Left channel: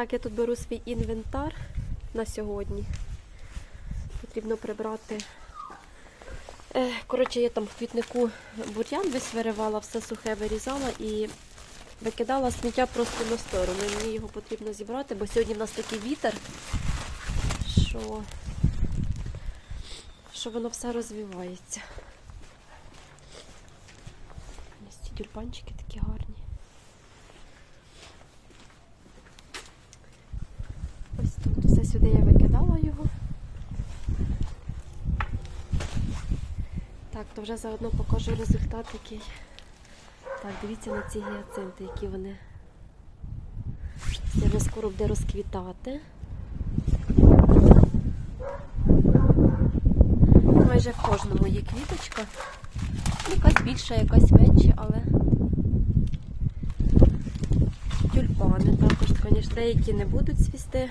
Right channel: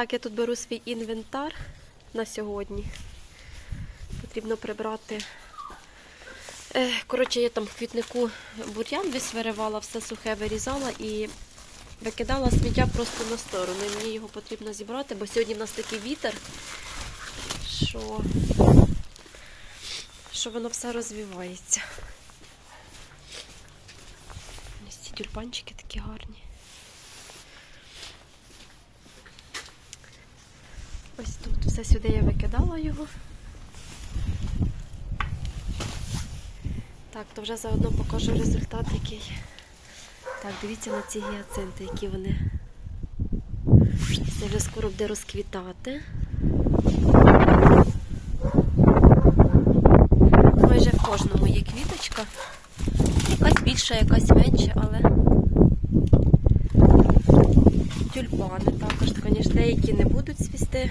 Так, я тут беру свій інвентар на сьогодні. Потрібно прибрати. Е, Коротше, я там в квітнику бур'ян весь виривала, все сухе вирізала і викидала сміття просто на сторону. Мені його потрібно зібрати, бо сьогодні в нас такий вітер, що, що воно все розвивається. Ось ці тюльпанчики такі гарні. Ось тут все сюди я викидала його. Так, то вже заодно покажу результат, який. Так, дивіться на ці гіацинти, які вони. Це вже скоро буде розквітати. Майже в кожному є квіточка. Якась більша, якась менша, але тюльпани також, звісно, деякі не будуть цвісти,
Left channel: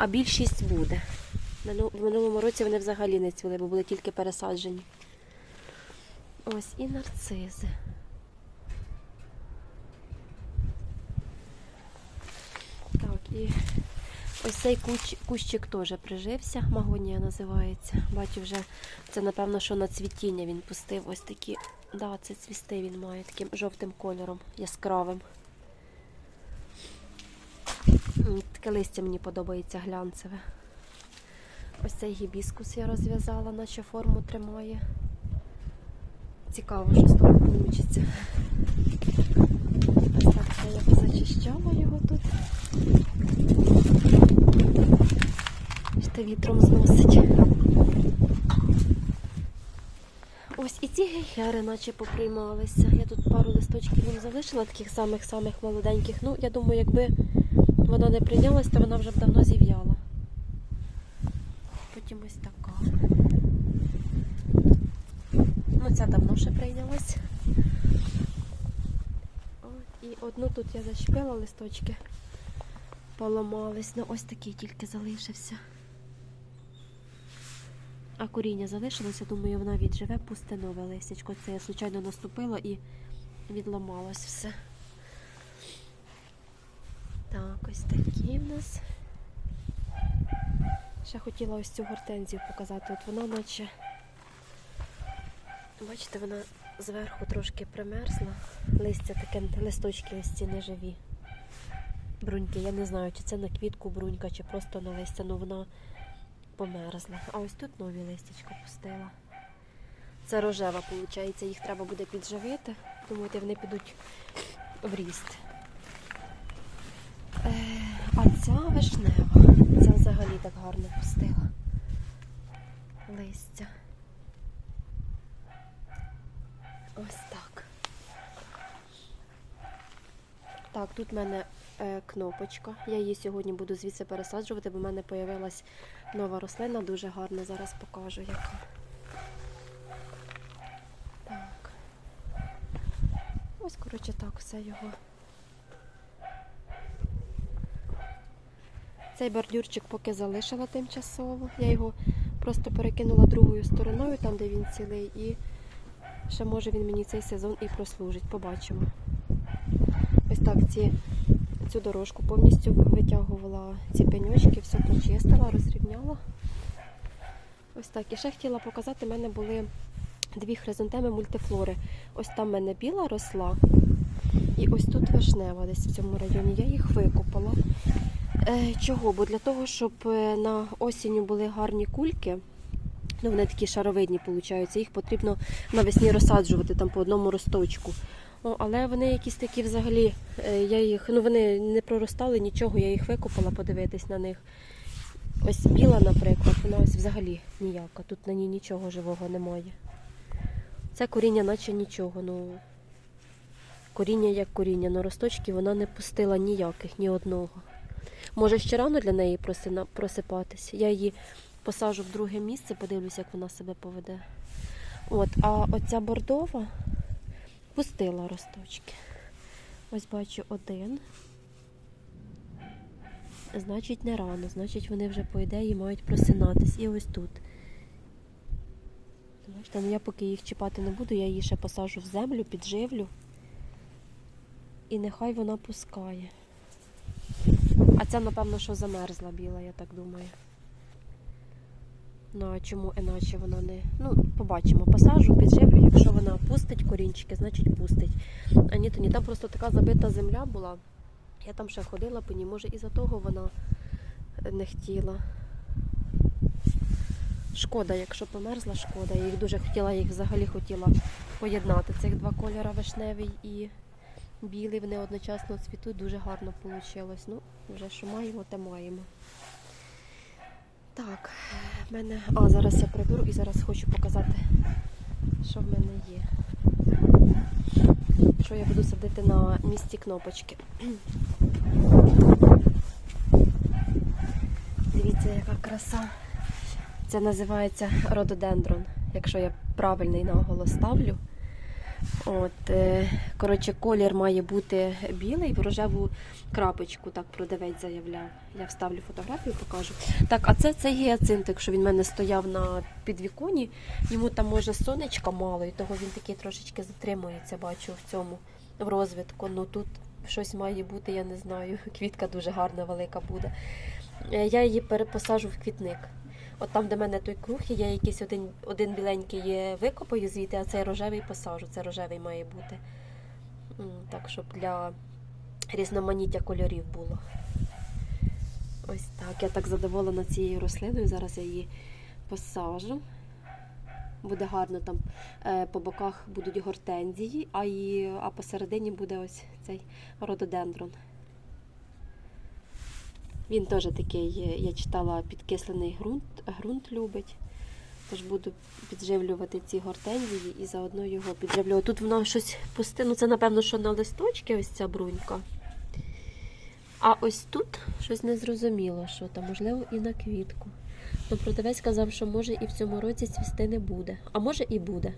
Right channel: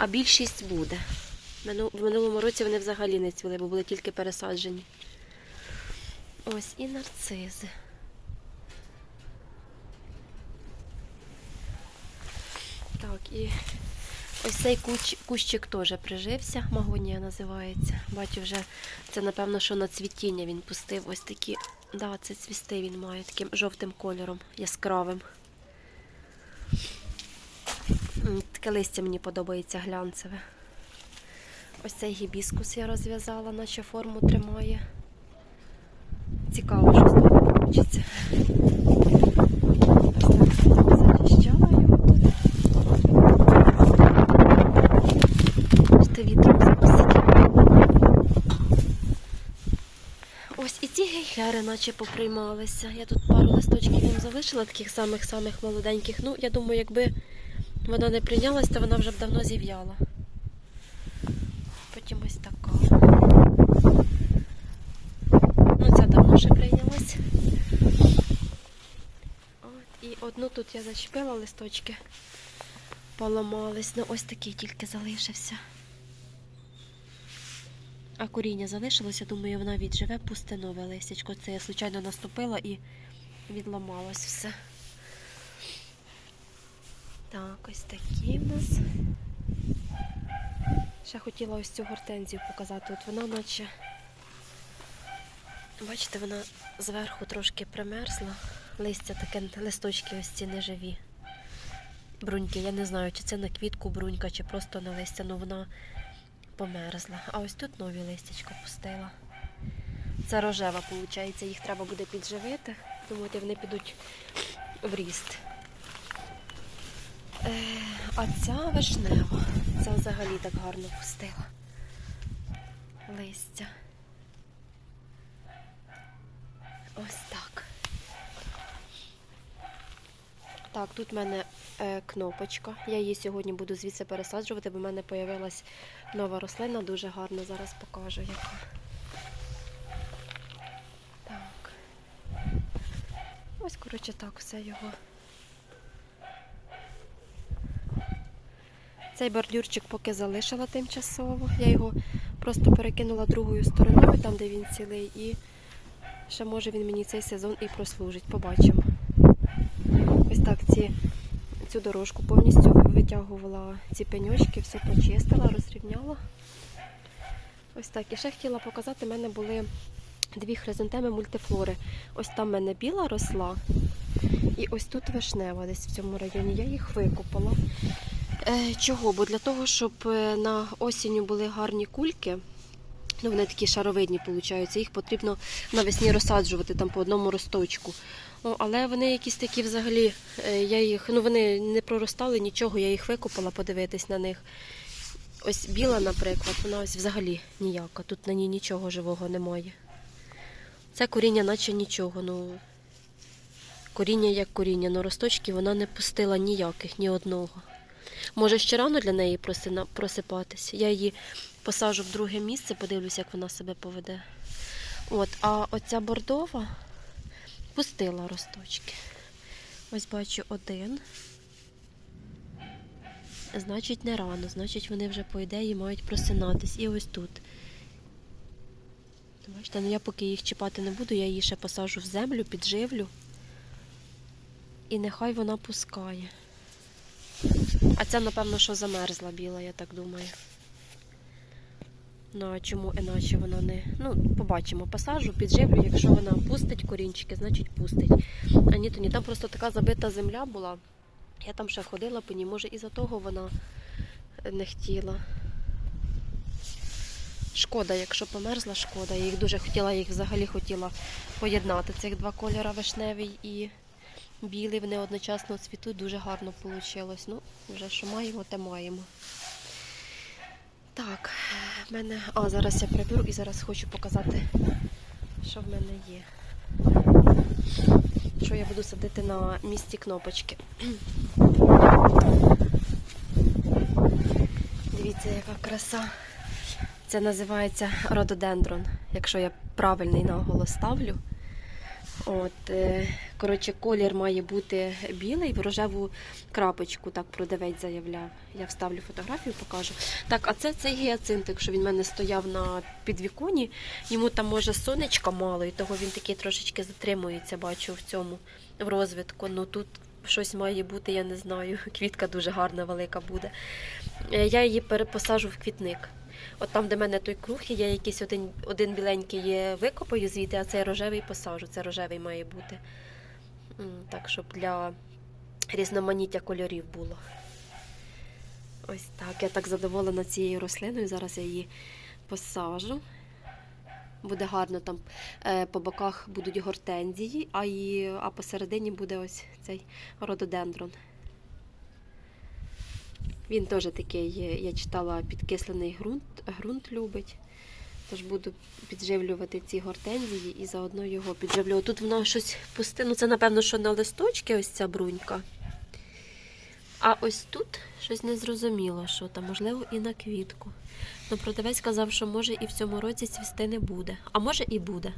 а більшість буде. В минулому році вони взагалі не цвіли, бо були тільки пересаджені. Ось і нарцизи. Так, і ось цей куч, кущик теж прижився, магонія називається. Бачу вже, це напевно, що на цвітіння він пустив ось такі. Да, це цвісти він має таким жовтим кольором, яскравим. Таке листя мені подобається глянцеве. Ось цей гібіскус я розв'язала, наче форму тримає. Цікаво, що з того вийде. Ось так зачищала його тут. Ще вітром зносить. Ось і ці гейхери наче поприймалися. Я тут пару листочків їм залишила, таких самих-самих молоденьких. Ну, я думаю, якби вона не прийнялась, то вона вже б давно зів'яла. Потім ось така. Ну, ця давно ще прийнялась. От, і одну тут я зачепила листочки, поламались. Ну, ось такий тільки залишився. А коріння залишилося, думаю, вона відживе, пусте нове листячко. Це я случайно наступила і відламалось все. Так, ось такі в нас. Ще хотіла ось цю гортензію показати. От вона наче. Бачите, вона зверху трошки примерзла. Листя таке, листочки ось ці неживі. Бруньки. Я не знаю, чи це на квітку брунька, чи просто на листя, ну вона померзла. А ось тут нові листячка пустила. Це рожева, виходить, їх треба буде підживити. Думаю, вони підуть в ріст. Е, а ця вишнева. Ця взагалі так гарно пустила. Листя. Ось так. Так, тут в мене е, кнопочка. Я її сьогодні буду звідси пересаджувати, бо в мене з'явилась нова рослина, дуже гарна. Зараз покажу яка. Так. Ось, коротше, так, все його. Цей бордюрчик поки залишила тимчасово. Я його просто перекинула другою стороною, там де він цілий, і ще може він мені цей сезон і прослужить. Побачимо. Ось так ці, цю дорожку повністю витягувала ці пеньочки, все почистила, розрівняла. Ось так. І ще хотіла показати, в мене були дві хризантеми мультифлори. Ось там в мене біла росла, і ось тут вишнева десь в цьому районі. Я їх викопала. Е, чого? Бо для того, щоб е, на осінню були гарні кульки, ну вони такі шаровидні, виходить, їх потрібно навесні розсаджувати там по одному росточку. О, але вони якісь такі взагалі, е, я їх, ну вони не проростали нічого, я їх викопала подивитись на них. Ось біла, наприклад, вона ось взагалі ніяка. Тут на ній нічого живого немає. Це коріння, наче нічого. ну Коріння як коріння, але росточки вона не пустила ніяких, ні одного. Може, ще рано для неї просипатись. Я її посажу в друге місце, подивлюсь, як вона себе поведе. От, а оця бордова пустила росточки. Ось бачу один. Значить, не рано, значить, вони вже, по ідеї, мають просинатись. І ось тут. Бачите, ну я поки їх чіпати не буду, я її ще посажу в землю, підживлю. І нехай вона пускає. А ця, напевно, що замерзла біла, я так думаю. Ну, а чому іначе вона не. Ну, побачимо. Посажу, підживлю. Якщо вона пустить корінчики, значить пустить. А ні, то ні. Там просто така забита земля була. Я там ще ходила по ній. Може, із-за того вона не хотіла. Шкода, якщо померзла, шкода. Я їх дуже хотіла, я їх взагалі хотіла поєднати. Цих два кольори вишневий і білий. Вони одночасно цвітуть, дуже гарно вийшло. Ну, вже що маємо, те маємо. Так, в мене. А, зараз я приберу і зараз хочу показати, що в мене є. Що я буду садити на місці кнопочки. Дивіться, яка краса. Це називається рододендрон, якщо я правильний наголос ставлю. От, е, коротше, колір має бути білий, в рожеву крапочку, так продавець заявляв. Я вставлю фотографію, покажу. Так, а це цей гіацинт, якщо він в мене стояв на підвіконі, йому там може сонечка мало, і того він такий трошечки затримується, бачу в цьому в розвитку. Ну тут щось має бути, я не знаю. Квітка дуже гарна, велика буде. Е, Я її перепосажу в квітник. От там, де в мене той круг, є, я якийсь один, один біленький викопаю звідти, а цей рожевий посажу. Це рожевий має бути. Так, щоб для різноманіття кольорів було. Ось так. Я так задоволена цією рослиною. Зараз я її посажу. Буде гарно там е, по боках будуть гортензії, а, і, а посередині буде ось цей рододендрон. Він теж такий, е, я читала, підкислений ґрунт, ґрунт любить. Тож буду підживлювати ці гортензії і заодно його підживлю. Тут воно щось пусте. Ну це, напевно, що на листочки ось ця брунька. А ось тут щось незрозуміло, що там, можливо, і на квітку. Ну, продавець казав, що може і в цьому році цвісти не буде. А може і буде.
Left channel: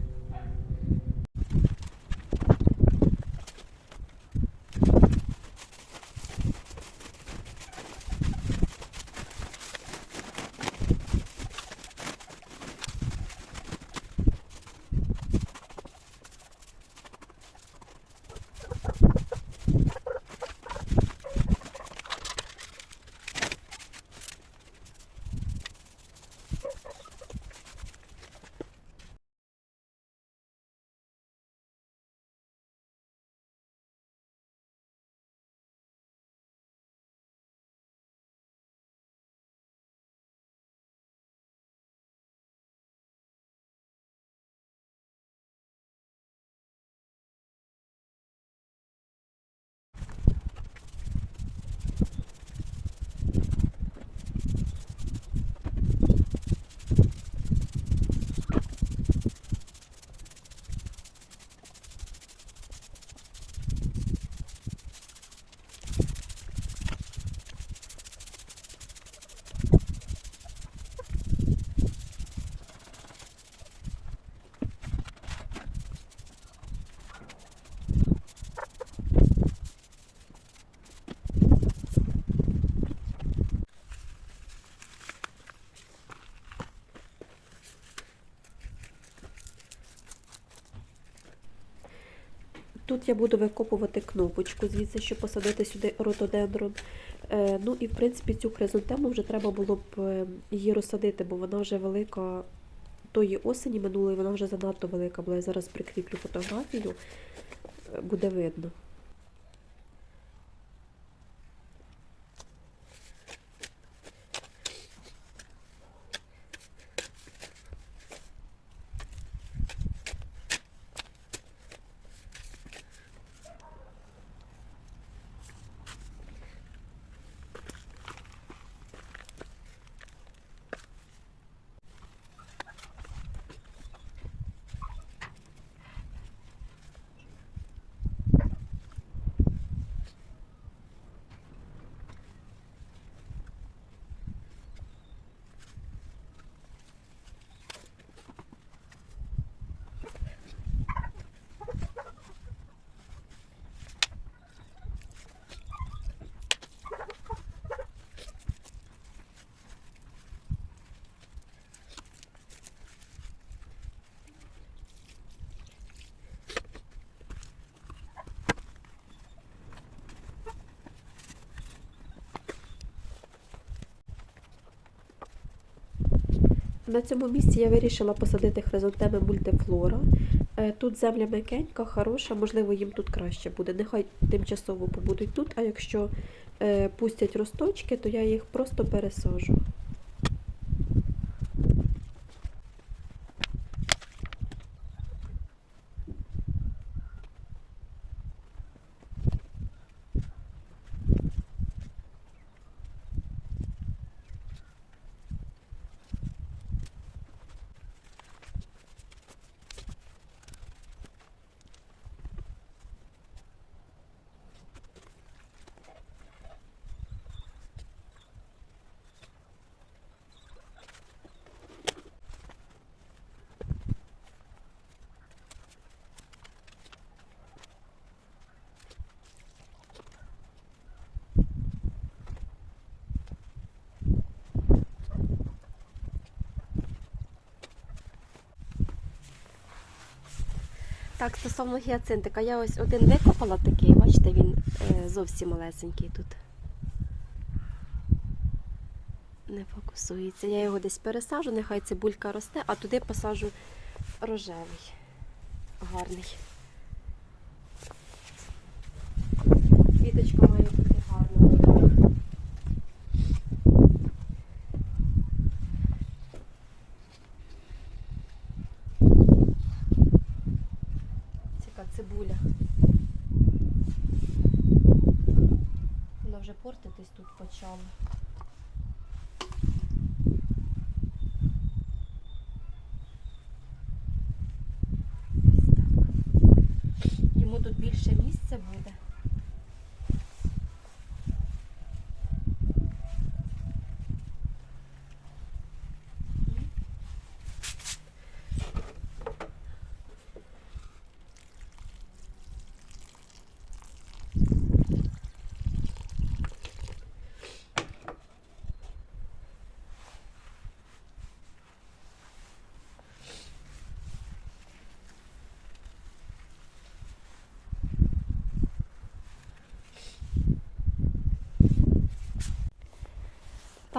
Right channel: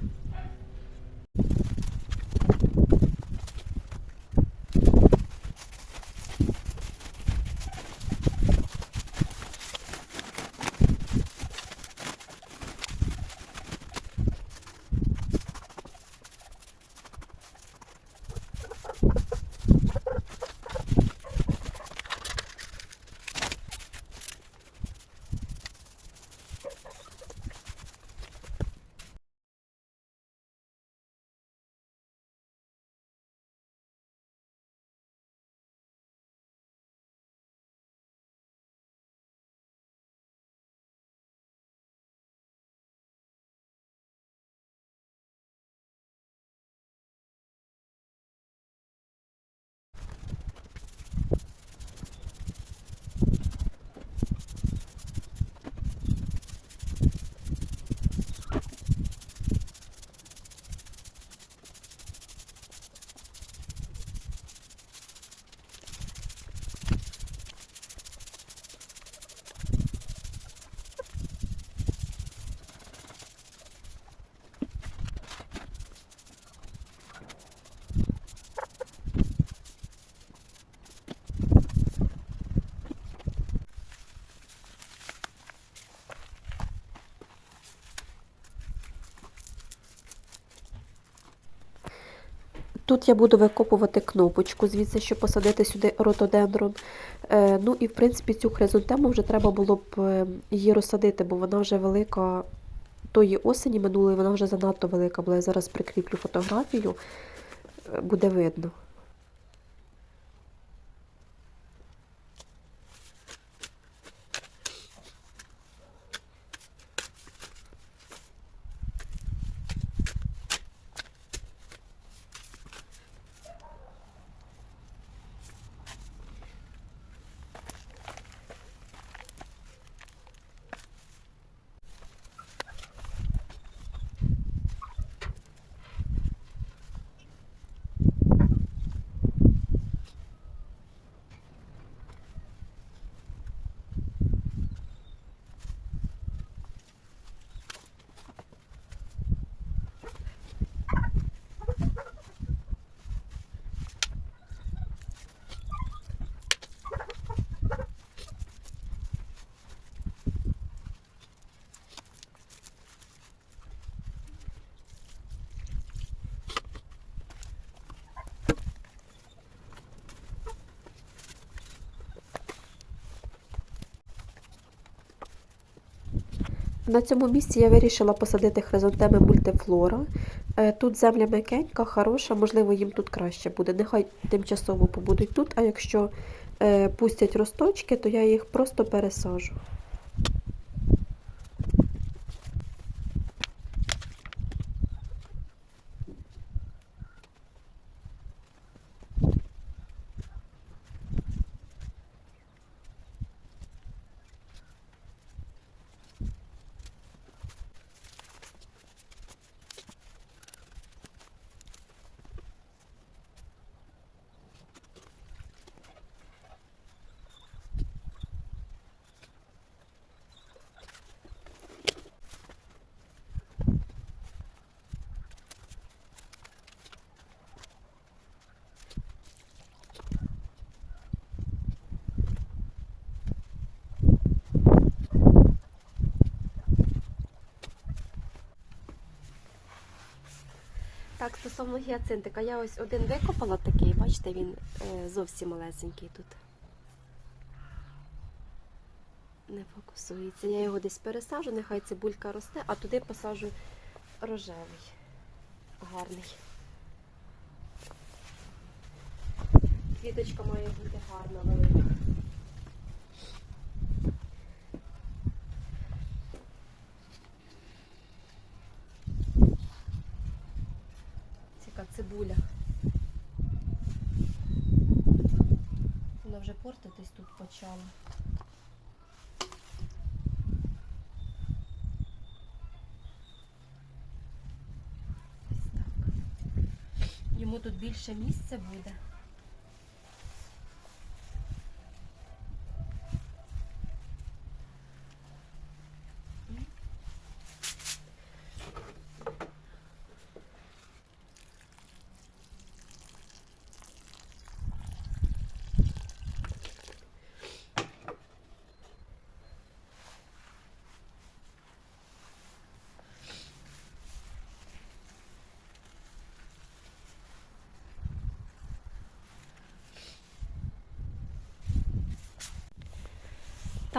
Тут я буду викопувати кнопочку, звідси, щоб посадити сюди ротодендрон. Е, ну і в принципі цю хризантему вже треба було б е, її розсадити, бо вона вже велика тої осені минулої, вона вже занадто велика була. Я зараз прикріплю фотографію, е, буде видно. На цьому місці я вирішила посадити хризантеми мультифлора. Е, Тут земля м'якенька, хороша, можливо, їм тут краще буде. Нехай тимчасово побудуть тут, а якщо е, пустять росточки, то я їх просто пересажу. Так, стосовно гіацинтика, я ось один викопала такий, бачите, він е, зовсім малесенький тут. Не фокусується. Я його десь пересажу, нехай цибулька росте, а туди посажу рожевий. Гарний. Квіточка має бути гарна. Ціка цибуля. Вона вже портитись так. Йому тут більше місця буде.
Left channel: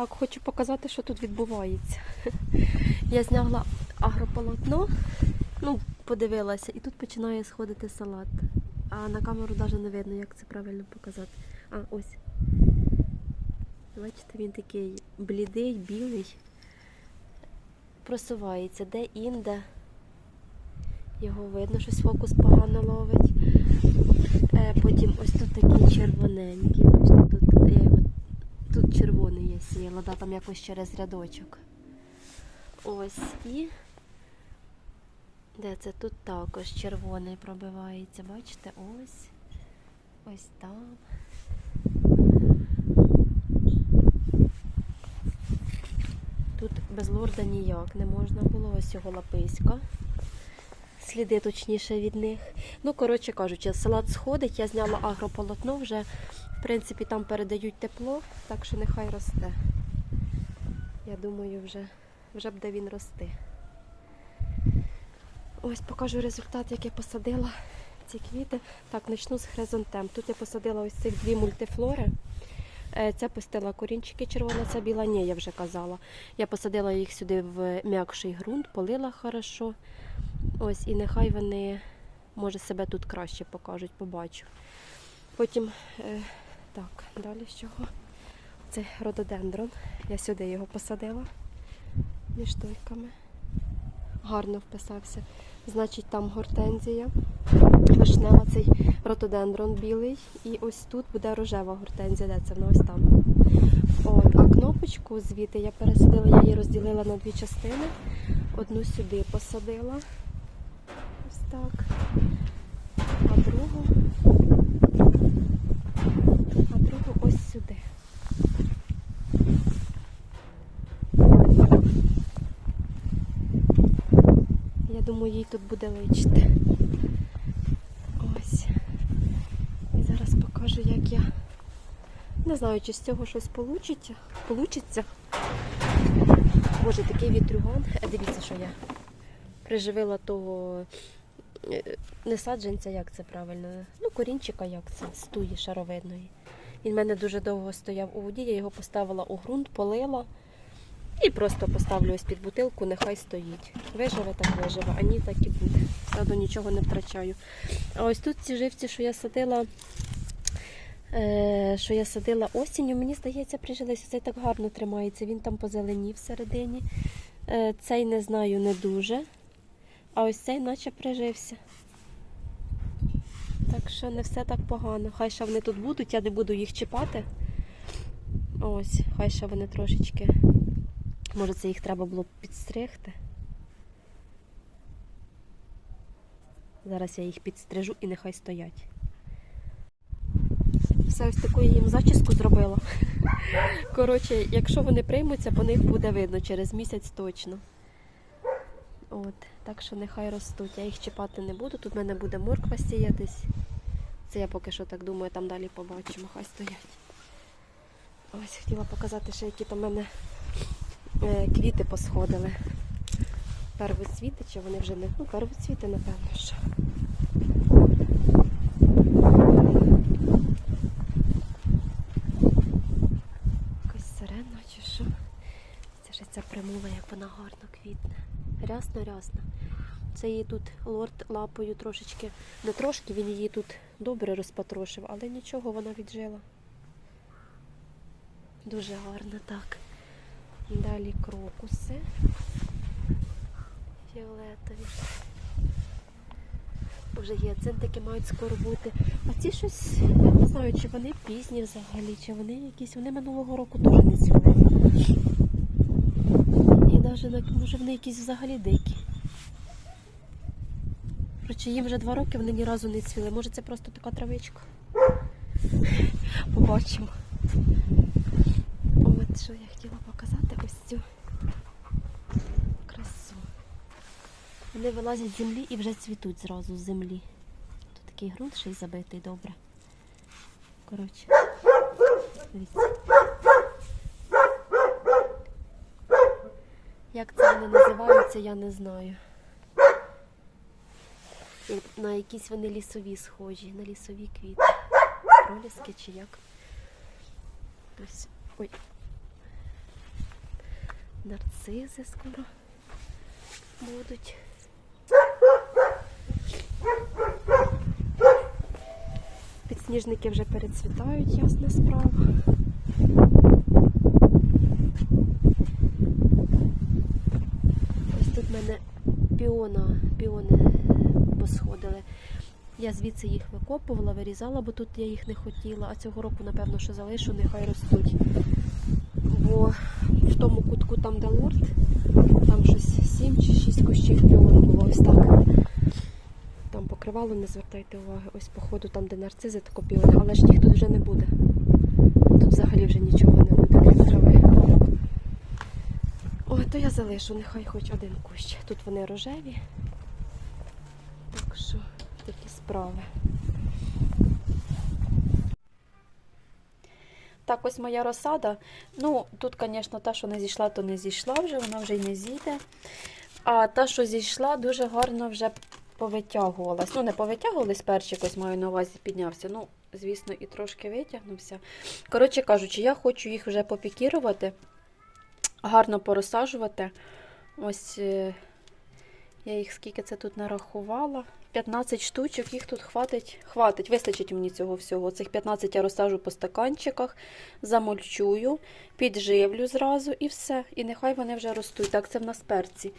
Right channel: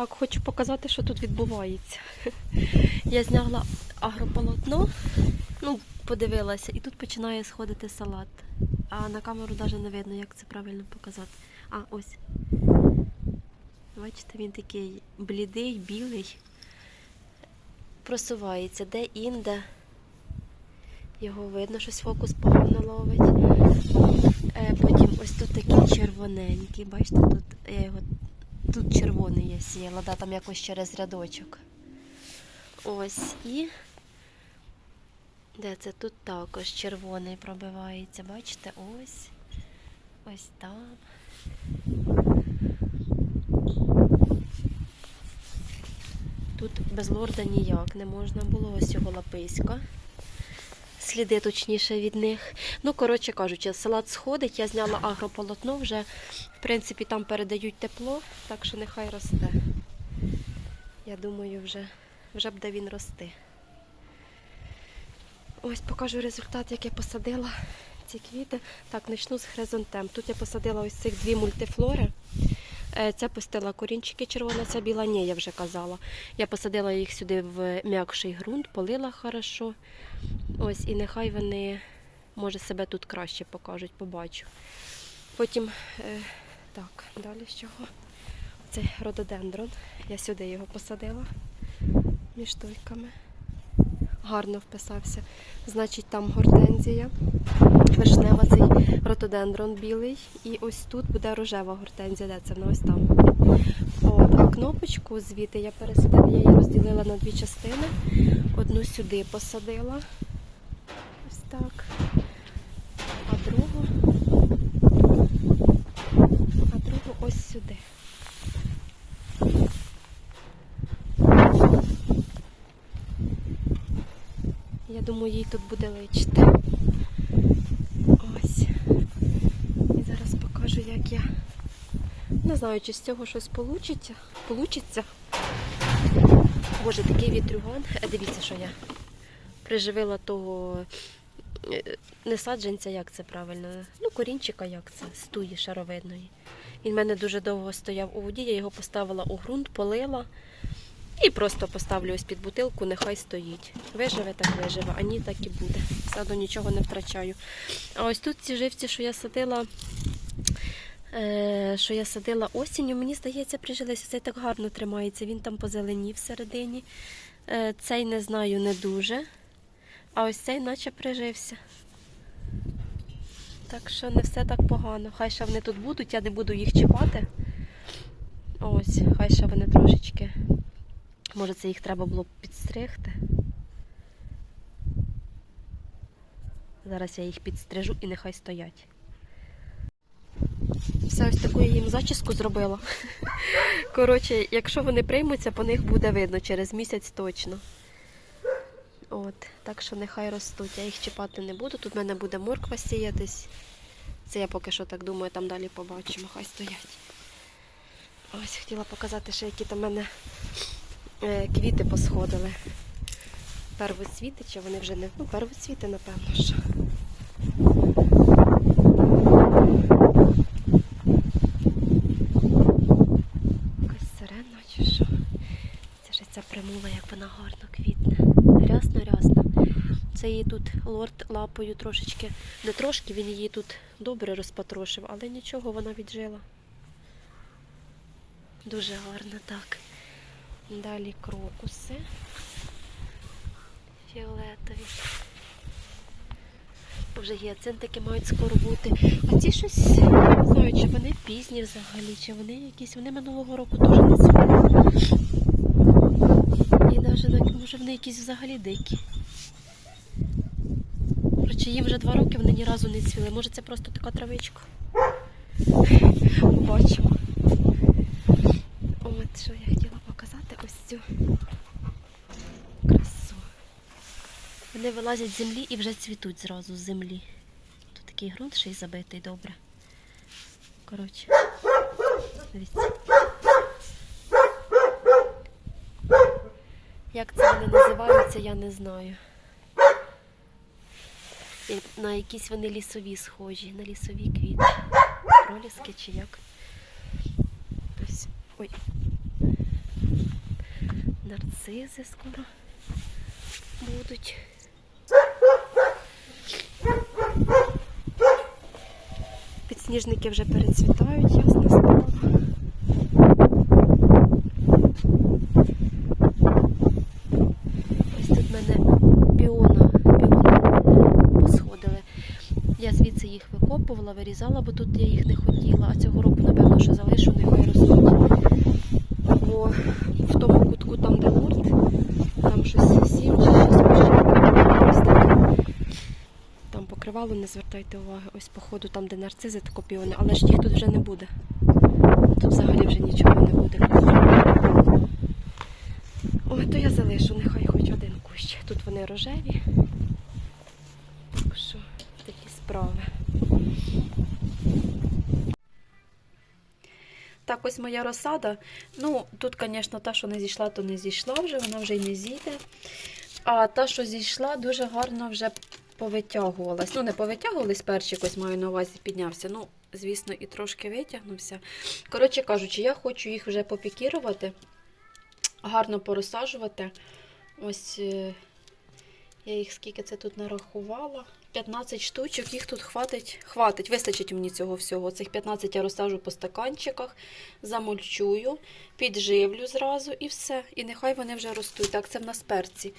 Так, хочу показати, що тут відбувається. Я зняла агрополотно, ну, подивилася, і тут починає сходити салат. А на камеру навіть не видно, як це правильно показати. А, ось. Бачите, він такий блідий, білий. Просувається де-інде. Його видно, щось фокус погано ловить. Е, потім ось тут такий червоненький, бачите, тут червоний я сіяла, да, там якось через рядочок. Ось і. Де це? Тут також червоний пробивається. Бачите? Ось. Ось там. Тут без лорда ніяк не можна було. Ось його лаписька. Сліди точніше від них. Ну, коротше кажучи, салат сходить, я зняла агрополотно вже. В принципі, там передають тепло, так що нехай росте. Я думаю, вже, вже буде він рости. Ось покажу результат, як я посадила ці квіти. Так, почну з хризантем. Тут я посадила ось цих дві мультифлори. Е, Ця пустила корінчики червона, ця біла, ні, я вже казала. Я посадила їх сюди в м'якший ґрунт, полила хорошо. Ось, і нехай вони, може, себе тут краще покажуть, побачу. Потім, е, так, далі з чого? Це рододендрон. Я сюди його посадила між тойками. Гарно вписався. Значить, там гортензія, вишнева цей рододендрон білий. І ось тут буде рожева гортензія, де це вона ось там. От, а кнопочку звідти я пересадила, я її розділила на дві частини. Одну сюди посадила. Так. А другу. А другу ось сюди. Я думаю, їй тут буде личити. Ось. І зараз покажу, як я. Не знаю, чи з цього щось получиться. Получиться. Боже, такий вітрюган. Е, Дивіться, що я приживила того не саджанця, як це правильно. Ну, корінчика, як це, стуї шаровидної. Він в мене дуже довго стояв у воді, я його поставила у ґрунт, полила. І просто поставлю ось під бутилку, нехай стоїть. Виживе, так виживе, а ні, так і буде. Саду нічого не втрачаю. А ось тут ці живці, що я садила, е, що я садила осінню, мені здається, прижилися. Цей так гарно тримається. Він там позеленів всередині. Е, цей не знаю, не дуже. А ось цей наче прижився. Так що не все так погано. Хай ще вони тут будуть, я не буду їх чіпати. Ось, хай ще вони трошечки. Може, це їх треба було підстригти. Зараз я їх підстрижу і нехай стоять. Все ось таку я їм зачіску зробила. Коротше, якщо вони приймуться, по них буде видно через місяць точно. От, так що нехай ростуть. Я їх чіпати не буду. Тут в мене буде морква сіятись. Це я поки що так думаю, там далі побачимо, хай стоять. Ось хотіла показати, ще які там в мене е, квіти посходили. Первоцвіти, чи вони вже не. Ну, первоцвіти, напевно, що. Якась сирена чи що. Це ж ця примула, як вона гарно квітне. Рясно-рясно. Це її тут лорд лапою трошечки, не трошки, він її тут добре розпотрошив, але нічого, вона віджила. Дуже гарно так. Далі крокуси фіолетові. Вже гіацинтики мають скоро бути. А ці щось, не знаю, чи вони пізні взагалі, чи вони якісь. Вони минулого року теж не цвіли. І навіть, може, вони якісь взагалі дикі. Коротше, їм вже два роки вони ні разу не цвіли. Може це просто така травичка. Бачимо. От що я хотіла показати ось цю красу. Вони вилазять з землі і вже цвітуть зразу з землі. Тут такий ґрунт ще й забитий добре. Коротше, дивіться. Як це вони називаються, я не знаю. І На якісь вони лісові схожі, на лісові квіти. Проліски чи як. Ось. Ой. Нарцизи скоро будуть. Підсніжники вже перецвітають, ясна справа. Ось тут в мене піона, піони посходили. Я звідси їх викопувала, вирізала, бо тут я їх не хотіла, а цього року, напевно, що залишу, нехай ростуть. Бо в тому кутку, там, де лорд, там щось сім чи щось. Там покривало, не звертайте уваги. Ось походу там, де нарцизи та копіони, але ж їх тут вже не буде. Тут взагалі вже нічого не буде. Ой, то я залишу, нехай хоч один кущ. Тут вони рожеві. Так що справи. Так, ось моя розсада. Ну, тут, звісно, та, що не зійшла, то не зійшла вже, вона вже й не зійде. А та, що зійшла, дуже гарно вже повитягувалась. Ну, не повитягувались перчик, ось маю на увазі піднявся. Ну, звісно, і трошки витягнувся. Коротше кажучи, я хочу їх вже попікірувати, гарно порозсаджувати. Ось е, я їх скільки це тут нарахувала. 15 штучок, їх тут хватить, хватить, вистачить мені цього всього. Цих 15 я розсажу по стаканчиках, замульчую, підживлю зразу і все. І нехай вони вже ростуть. Так, це в нас перці.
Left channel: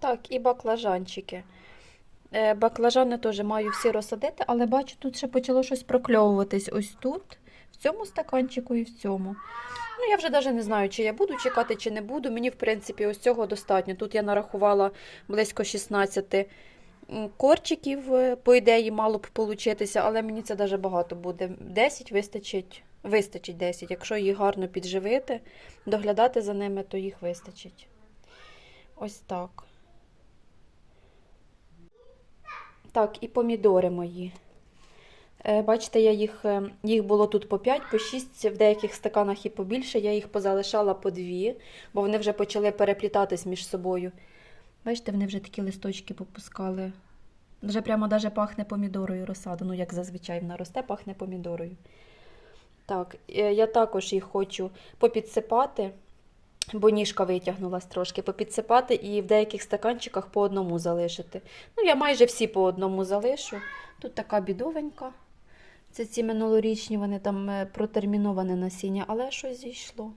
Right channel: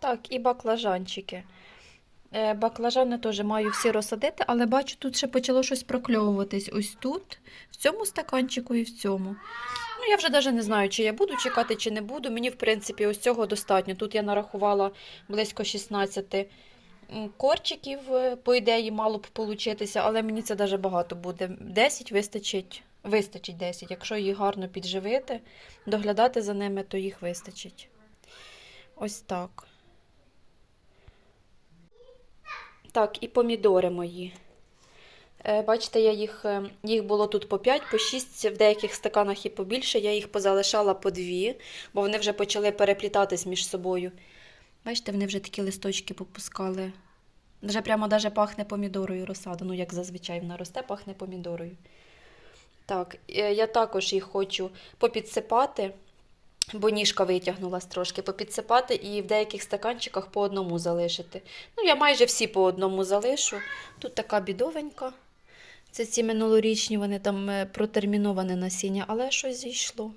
Так, і баклажанчики. Е, Баклажани теж маю всі розсадити, але бачу, тут ще почало щось прокльовуватись. Ось тут, в цьому стаканчику і в цьому. Ну, я вже навіть не знаю, чи я буду чекати, чи не буду. Мені, в принципі, ось цього достатньо. Тут я нарахувала близько 16 м, корчиків, е, по ідеї, мало б получитися, але мені це навіть багато буде. 10 вистачить, вистачить 10. Якщо їх гарно підживити, доглядати за ними, то їх вистачить. Ось так. Так, і помідори мої. Е, Бачите, я їх, е, їх було тут по 5, по 6, в деяких стаканах і побільше. Я їх позалишала по 2, бо вони вже почали переплітатись між собою. Бачите, вони вже такі листочки попускали. Вже прямо даже пахне помідорою розсада. Ну, як зазвичай вона росте, пахне помідорою. Так, е, я також їх хочу попідсипати. бо ніжка витягнулась трошки, попідсипати і в деяких стаканчиках по одному залишити. Ну, я майже всі по одному залишу. Тут така бідовенька. Це ці минулорічні, вони там е, протерміноване насіння, але щось зійшло.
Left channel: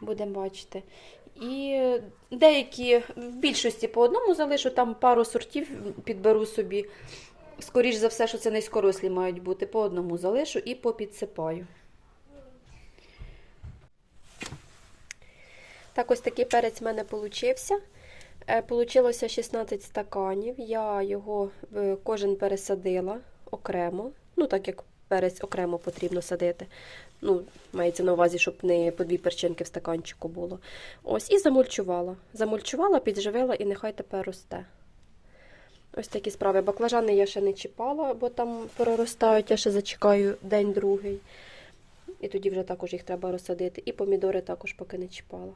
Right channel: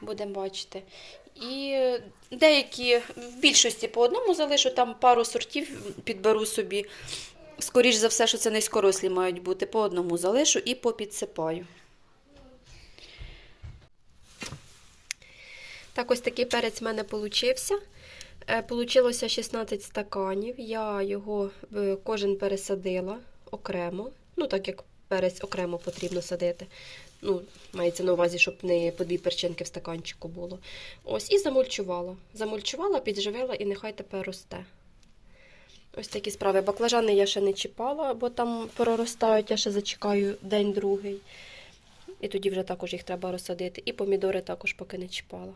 Будемо бачити. І деякі в більшості по одному залишу, там пару сортів підберу собі. Скоріш за все, що це низькорослі мають бути, по одному залишу і попідсипаю. Так, ось такий перець в мене получився. Е, Получилося 16 стаканів. Я його кожен пересадила окремо. Ну, так як перець окремо потрібно садити. Ну, мається на увазі, щоб не по дві перчинки в стаканчику було. Ось, і замульчувала. Замульчувала, підживила і нехай тепер росте. Ось такі справи. Баклажани я ще не чіпала, бо там проростають, я ще зачекаю день-другий. І тоді вже також їх треба розсадити. І помідори також поки не чіпала.